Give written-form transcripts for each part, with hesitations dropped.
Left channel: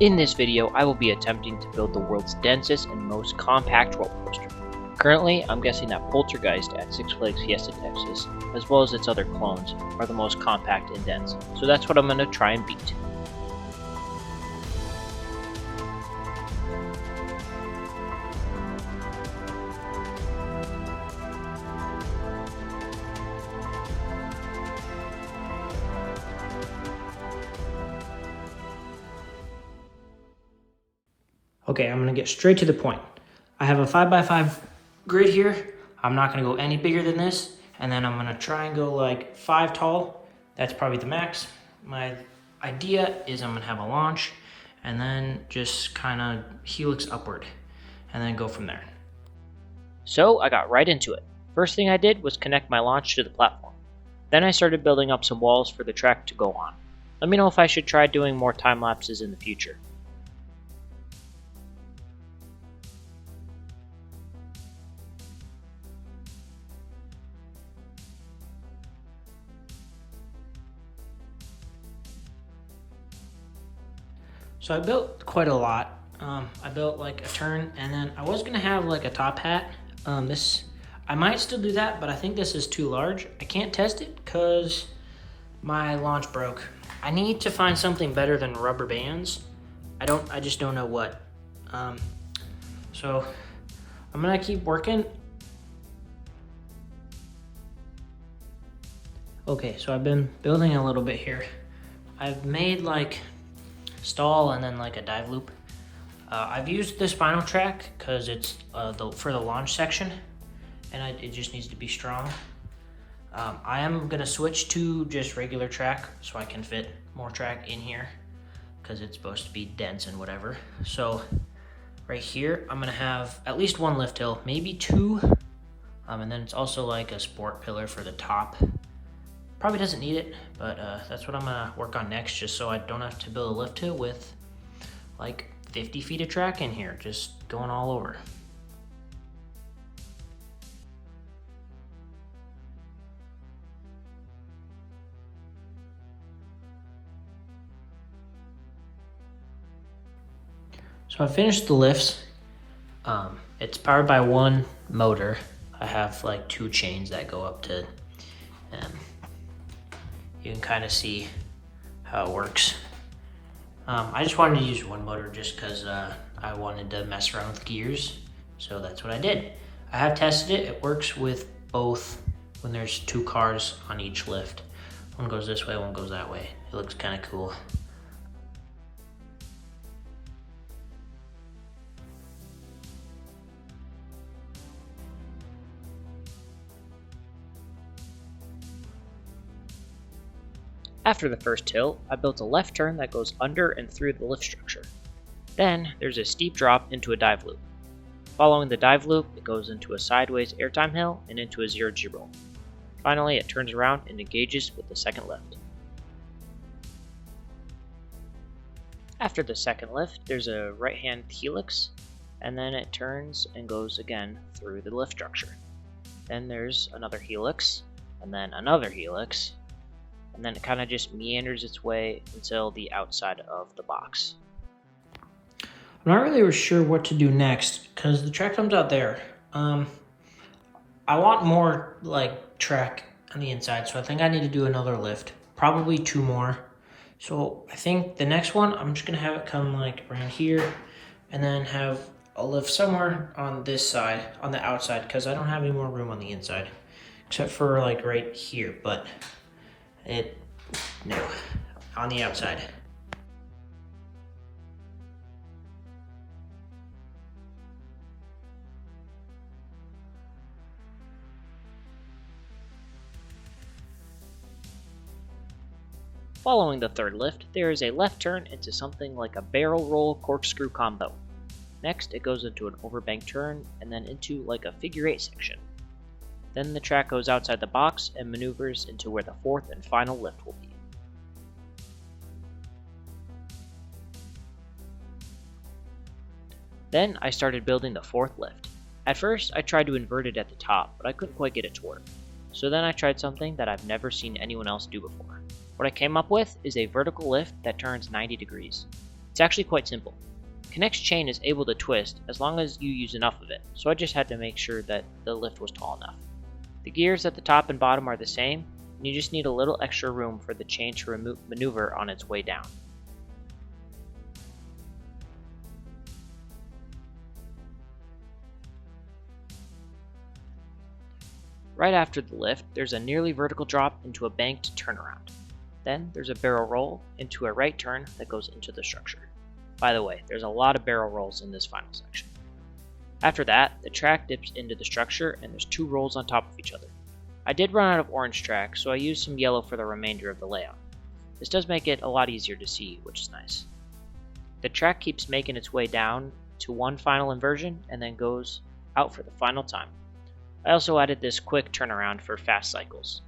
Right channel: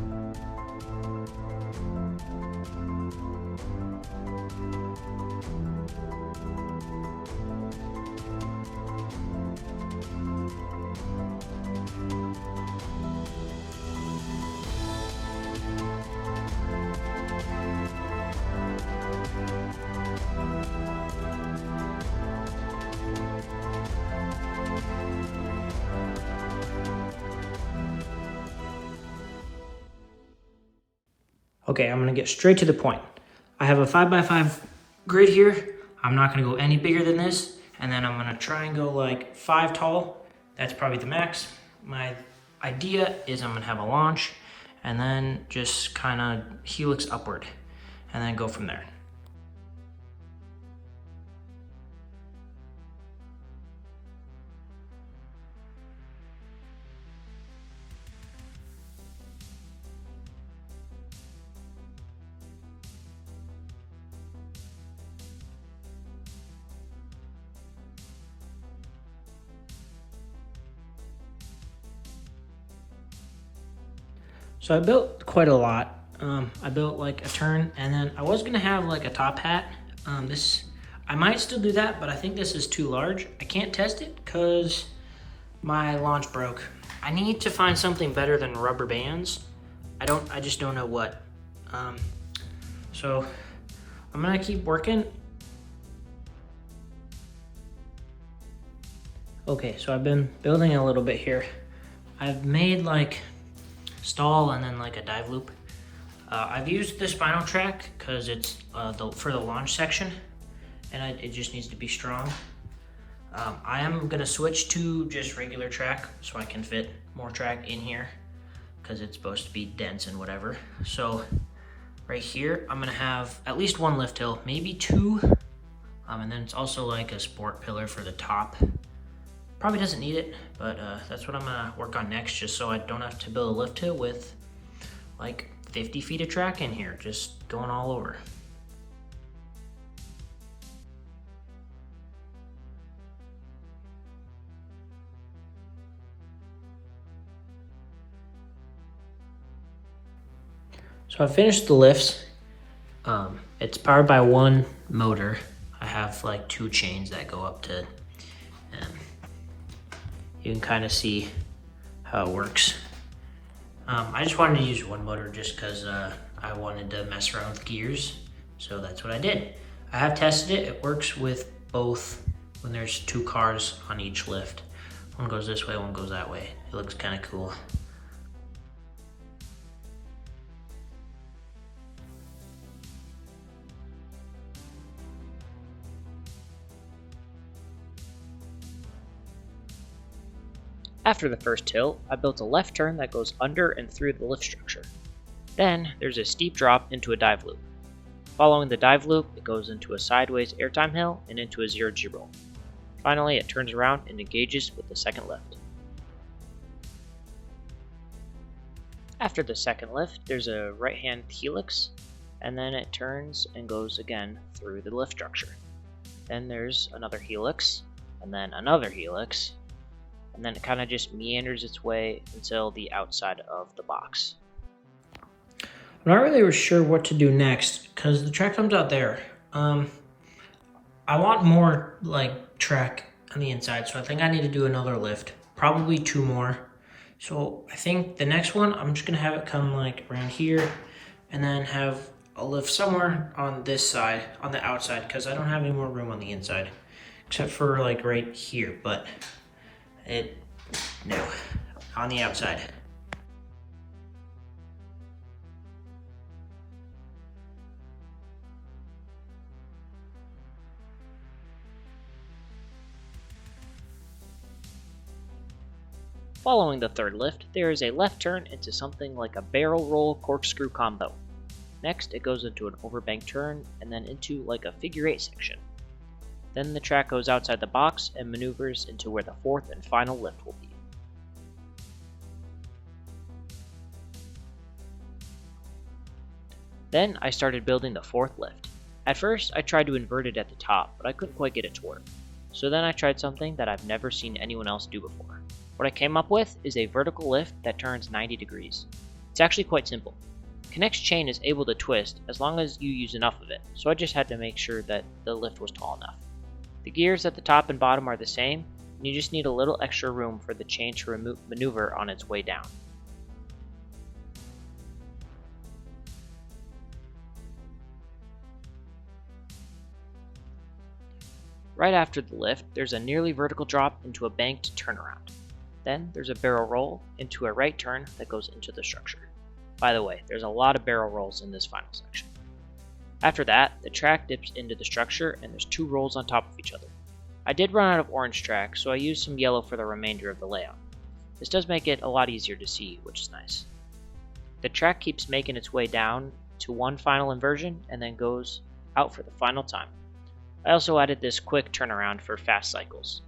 In this video, I will be attempting to build the world's densest and most compact roller coaster. Currently, I'm guessing that Poltergeist at Six Flags Fiesta Texas, as well as its other clones, are the most compact and dense, so that's what I'm going to try and beat. Okay, I'm gonna get straight to the point. I have a 5x5 grid here. I'm not gonna go any bigger than this. And then I'm gonna try and go like 5 tall. That's probably the max. My idea is I'm gonna have a launch and then just kind of helix upward and then go from there. So I got right into it. First thing I did was connect my launch to the platform. Then I started building up some walls for the track to go on. Let me know if I should try doing more time lapses in the future. So I built quite a lot. I built like a turn, and then I was gonna have like a top hat. I might still do that, but I think this is too large. I can't test it because my launch broke. I need to find something better than rubber bands. I just don't know what. So I'm gonna keep working. Okay, so I've been building a little bit here. I've made like stall and then like a dive loop. I've used the spinal track because it's for the launch section, and it just needs to be strong. I am gonna switch to just regular track so I can fit more track in here because it's supposed to be dense and whatever. So right here, I'm gonna have at least one lift hill, maybe two. And then it's also like a sport pillar for the top. Probably doesn't need it, but that's what I'm gonna work on next, just so I don't have to build a lift hill with like 50 feet of track in here, just going all over. So I finished the lifts. It's powered by one motor. I have like 2 chains that go up to you can kind of see how it works. I just wanted to use one motor just because I wanted to mess around with gears, so that's what I did. I have tested it. It works with both when there's 2 cars on each lift. One goes this way, one goes that way. It looks kind of cool. After the first hill, I built a left turn that goes under and through the lift structure. Then, there's a steep drop into a dive loop. Following the dive loop, it goes into a sideways airtime hill and into a 0G roll. Finally, it turns around and engages with the second lift. After the second lift, there's a right-hand helix, and then it turns and goes again through the lift structure. Then there's another helix, and then another helix, and then it kind of just meanders its way until the outside of the box. I'm not really sure what to do next because the track comes out there. I want more like track on the inside, so I think I need to do another lift, probably 2 more. So I think the next one, I'm just gonna have it come like around here and then have a lift somewhere on this side, on the outside, because I don't have any more room on the inside, except for like right here, but no, on the outside. Following the third lift, there is a left turn into something like a barrel roll corkscrew combo. Next, it goes into an overbank turn and then into like a figure 8 section. Then the track goes outside the box and maneuvers into where the fourth and final lift will be. Then I started building the fourth lift. At first, I tried to invert it at the top, but I couldn't quite get it to work. So then I tried something that I've never seen anyone else do before. What I came up with is a vertical lift that turns 90 degrees. It's actually quite simple. Knex chain is able to twist as long as you use enough of it, so I just had to make sure that the lift was tall enough. The gears at the top and bottom are the same, and you just need a little extra room for the chain to maneuver on its way down. Right after the lift, there's a nearly vertical drop into a banked turnaround. Then there's a barrel roll into a right turn that goes into the structure. By the way, there's a lot of barrel rolls in this final section. After that, the track dips into the structure and there's 2 rolls on top of each other. I did run out of orange track, so I used some yellow for the remainder of the layout. This does make it a lot easier to see, which is nice. The track keeps making its way down to one final inversion and then goes out for the final time. I also added this quick turnaround for fast cycles.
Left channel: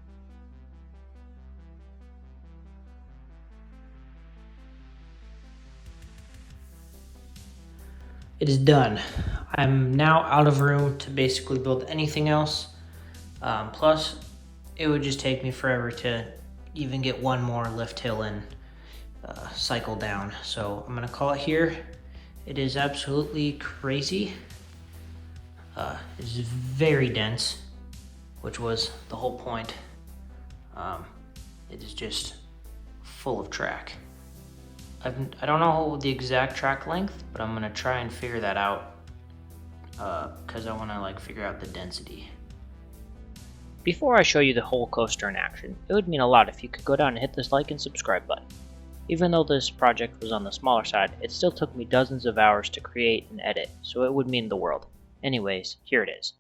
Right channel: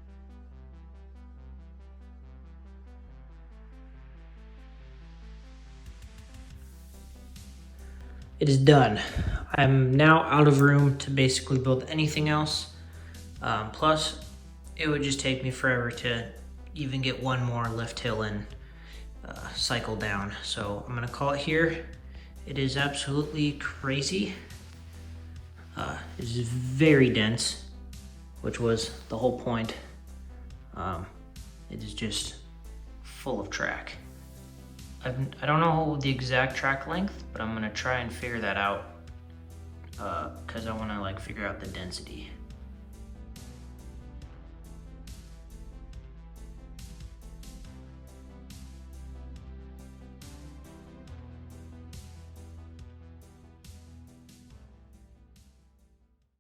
It is done. I'm now out of room to basically build anything else. Plus, it would just take me forever to even get one more lift hill and cycle down. So I'm gonna call it here. It is absolutely crazy. It is very dense, which was the whole point. It is just full of track. I don't know the exact track length, but I'm gonna try and figure that out because I wanna figure out the density. Before I show you the whole coaster in action, it would mean a lot if you could go down and hit this like and subscribe button. Even though this project was on the smaller side, it still took me dozens of hours to create and edit, so it would mean the world. Anyways, here it is.